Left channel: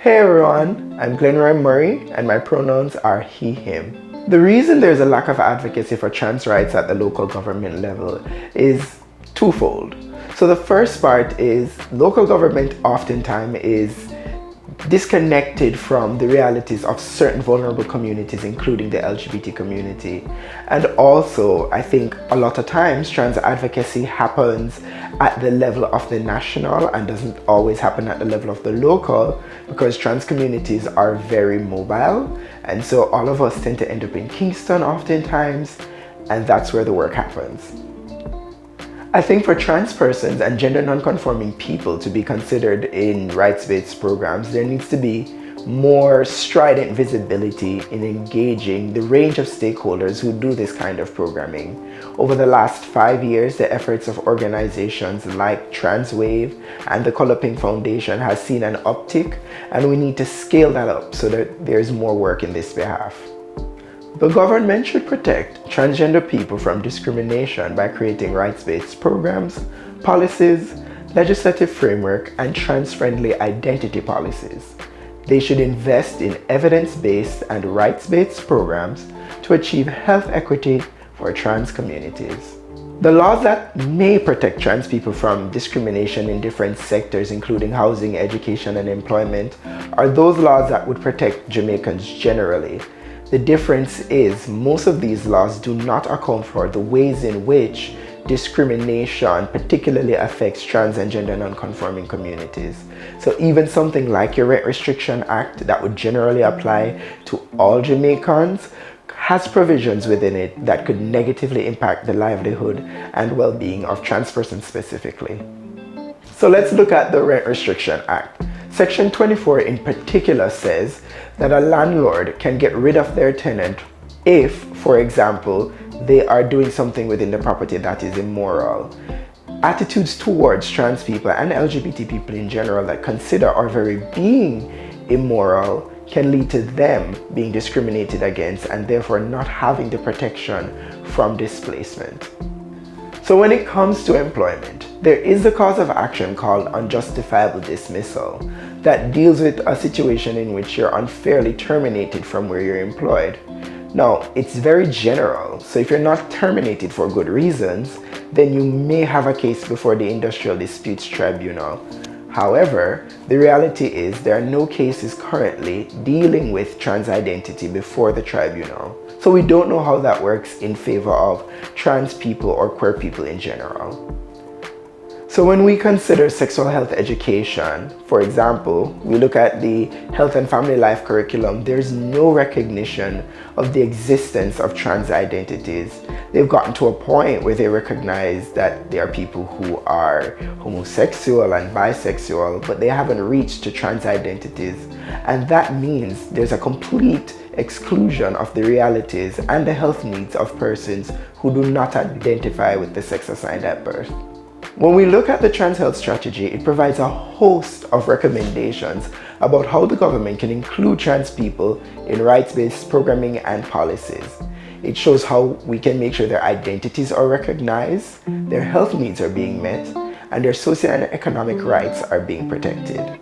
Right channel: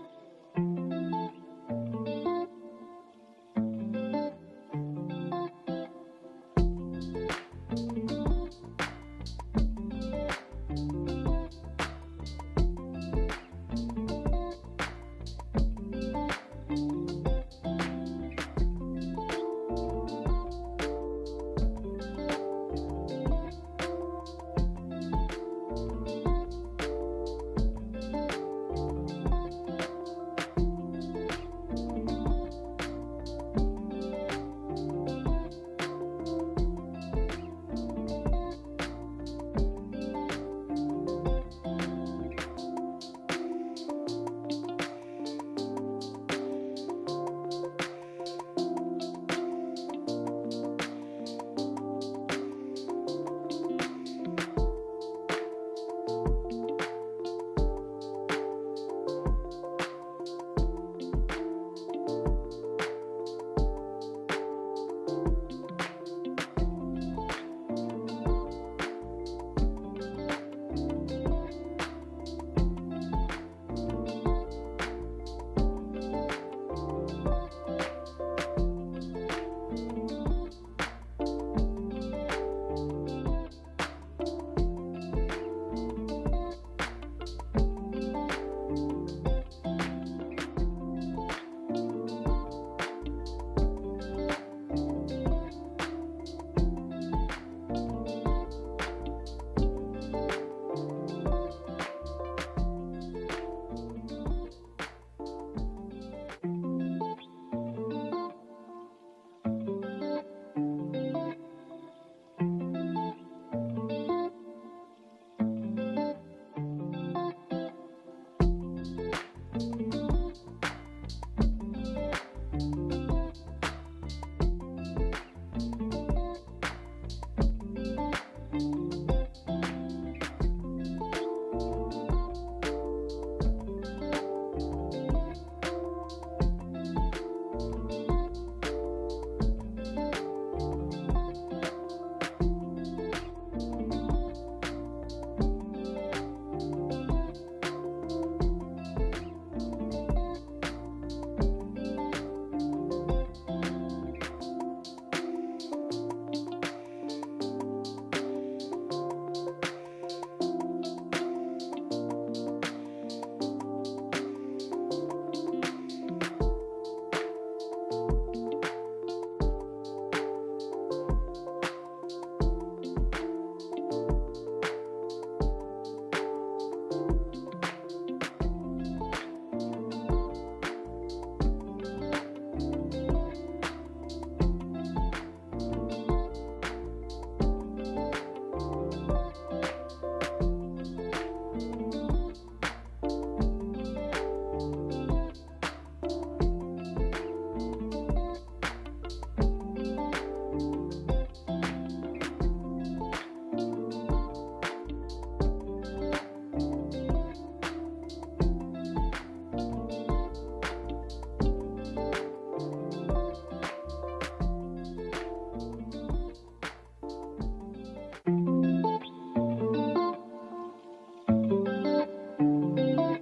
Hey everyone, I'm Glenroy Murray and my pronouns are he, him. The reason there's a lack of advocacy for trans rights at the local government level is twofold. So the first part is local government oftentimes is disconnected from the realities of certain vulnerable communities, including the LGBT community. And also, I think a lot of times trans advocacy happens at the level of the national and doesn't always happen at the level of the local, because trans communities are very mobile. And so all of us tend to end up in Kingston oftentimes, and that's where the work happens. I think for trans persons and gender non-conforming people to be considered in rights-based programs, there needs to be more strident visibility in engaging the range of stakeholders who do this kind of programming. Over the last 5 years, the efforts of organizations like SWill and the Color Pink Foundation has seen an uptick, and we need to scale that up so that there's more work in this behalf. The government should protect transgender people from discrimination by creating rights-based programs, policies, legislative framework, and trans-friendly identity policies. They should invest in evidence-based and rights-based programs to achieve health equity for trans communities. The laws that may protect trans people from discrimination in different sectors, including housing, education, and employment, are those laws that would protect Jamaicans generally. The difference is most of these laws do not account for the ways in which discrimination particularly affects trans and gender non-conforming communities. So even something like your Rent Restriction Act that would generally apply to all Jamaicans has provisions within it that could negatively impact the livelihood and well-being of trans persons specifically. So let's look at the Rent Restriction Act. Section 24 in particular says that a landlord can get rid of their tenant if, for example, they are doing something within the property that is immoral. Attitudes towards trans people and LGBT people in general that consider our very being immoral can lead to them being discriminated against and therefore not having the protection from displacement. So when it comes to employment, there is a cause of action called unjustifiable dismissal that deals with a situation in which you're unfairly terminated from where you're employed. Now, it's very general, so if you're not terminated for good reasons, then you may have a case before the Industrial Disputes Tribunal. However, the reality is there are no cases currently dealing with trans identity before the tribunal. So we don't know how that works in favor of trans people or queer people in general. So when we consider sexual health education, for example, we look at the health and family life curriculum, there's no recognition of the existence of trans identities. They've gotten to a point where they recognize that there are people who are homosexual and bisexual, but they haven't reached to trans identities. And that means there's a complete exclusion of the realities and the health needs of persons who do not identify with the sex assigned at birth. When we look at the trans health strategy, it provides a host of recommendations about how the government can include trans people in rights-based programming and policies. It shows how we can make sure their identities are recognized, their health needs are being met, and their socio and economic rights are being protected.